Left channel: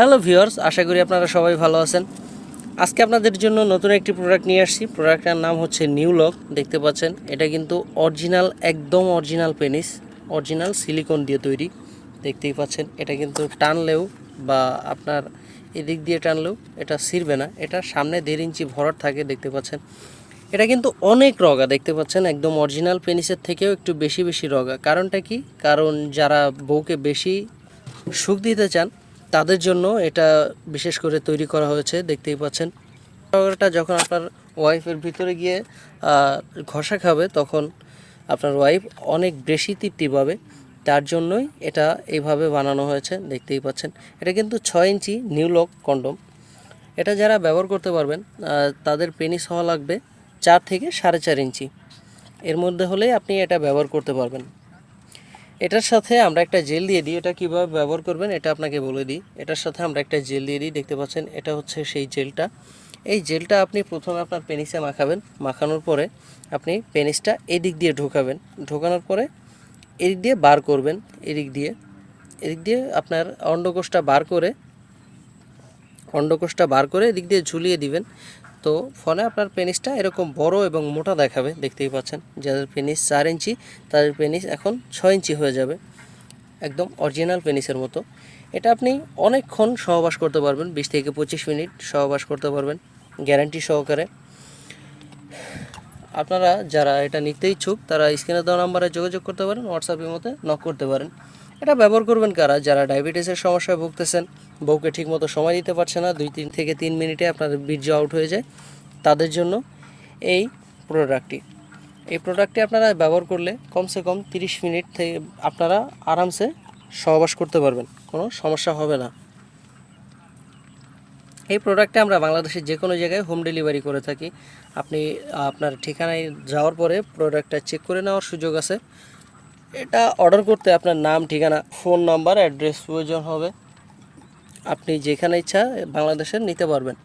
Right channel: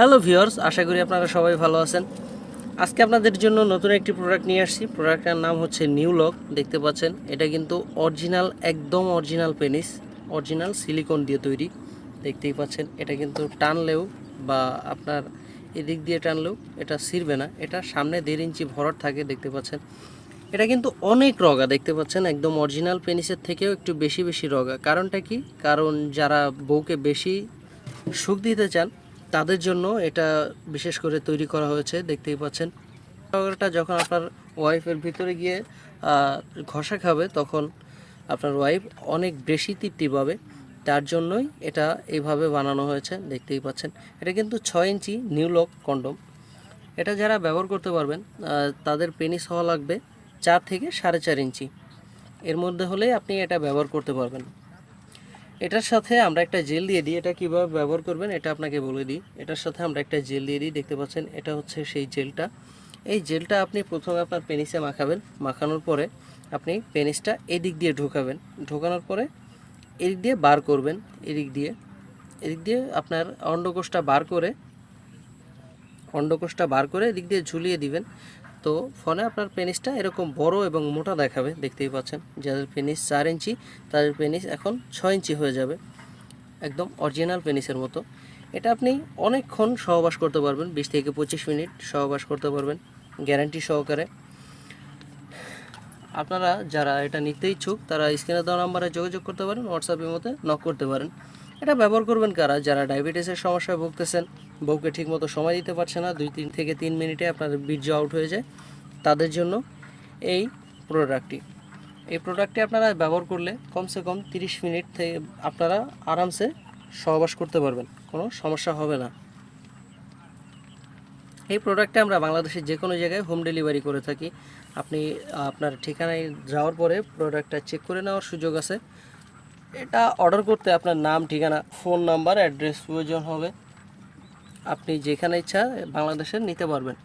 Hello viewers, আশা করি আপনারা সবাই ভালো আছেন। আজকে আপনাদের জন্য নতুন একটি প্রোডাক্ট নিয়ে আসছি। প্রোডাক্টটার নাম হচ্ছে নিউ লক। দেখতে পাচ্ছেন, এটা কিন্তু অরিজিনাল, একদম অরিজিনাল পেনিস, অরিজিনাল সিলিকন দিয়ে তৈরি। দেখতেই পাচ্ছেন, এটা কিন্তু টানলেও বা আপনার এদিক দিয়ে টানলেও এটা ছিঁড়বে না। এটা সামনে 1.5 ইঞ্চি ভরাট থাকে। দেখতে পাচ্ছেন, এটা কিন্তু অনেক রগা। দেখতে পাচ্ছেন, একদম অরিজিনাল পেনিসের থেকেও একটু বেশি বেশি রগা। কারণটা কি? কারণ যারা বউকে বেশি সুখ দিতে চান তাদের জন্য এটা বিশেষ করে তৈরি করা হয়েছে। দেখতেই পাচ্ছেন, এটা যখন আপনার ওয়াইফের ভিতরে গিয়ে ঘষা খাবে তখন আপনার ওয়াইফ অনেক বেশি তৃপ্তি পাবে। তার জন্যই এটা এইভাবে বানানো হয়েছে। দেখতেই পাচ্ছেন, এটা কিন্তু 6 ইঞ্চি নিউ লক কন্ডম। এটা যারা ব্যবহার করতে পারবেন তাদের পেনিস হওয়া লাগবে 4 থেকে 4.5 ইঞ্চি। এর মধ্যে হলে আপনি এটা ব্যবহার করতে পারবেন। এটার সাথে আমরা একটা জেল দিয়ে দিই। এটা কীভাবে ব্যবহার করবেন এটা আপনাকে বলে দিই। এটার সাথে আমরা একটা জেল দিয়ে দিই। দেখতে পাচ্ছেন, এটা হচ্ছে সেই জেলটা। এই জেলটা আপনি প্রথমে আপনার পেনিসে মাখাবেন। মাখানোর পরে আপনি পেনিসটা এদিক দিয়ে ঢোকাবেন। ঢোকানোর পরে এদিক দিয়ে বার করবেন। এদিক দিয়ে আপনার অন্ডকোষটা বার করে এদিক দিয়ে ঝুলিয়ে দিবেন। তো ফলে আপনার পেনিসটা এরকম বড় এবং মোটা দেখাবে। দেখতেই পাচ্ছেন, যাদের পেনিস 4 ইঞ্চি তাদের পেনিস এখন 6 ইঞ্চি হয়ে যাবে, একদম অরিজিনাল পেনিসের মতো। এটা আপনি অনেকক্ষণ সহবাস করতে পারবেন, 20 থেকে 25 মিনিট সহবাস করতে পারবেন গ্যারান্টি সহকারে। আপনারা যারা এটা নিতে ইচ্ছুক তারা স্ক্রিনে দেওয়া নাম্বারে যোগাযোগ করতে পারেন, হোয়াটসঅ্যাপের মধ্যে নক করতে পারেন। এটা ব্যবহার করবেন কারা? যারা ডায়াবেটিসের সমস্যায় ভুগতেছেন, বউকে ঠিকমতো সময় দিতে পারছে না, 2 থেকে 3 মিনিটে আপনার বীর্য আউট হয়ে যায়, তাদের জন্য এই প্রোডাক্টটি। এই প্রোডাক্টটি আপনারা ব্যবহার করলে কমসে কম 30 মিনিট থেকে আপনারা আরামসে সহবাস করতে পারবেন, কোনো সমস্যা হবে না। এই প্রোডাক্টটা আমরা বাংলাদেশের যে কোনো জায়গায় হোম ডেলিভারি করে থাকি। আপনি আপনার ঠিকানায় যাওয়ার পরে প্রোডাক্টটা চেক করে নেওয়ার সুযোগ আছে। এটা অর্ডার করতে আপনার নাম, ঠিকানা, ফোন নাম্বার, অ্যাড্রেস প্রয়োজন হবে। আপনি যেখানে ইচ্ছা বাংলাদেশের নিতে পারবেন।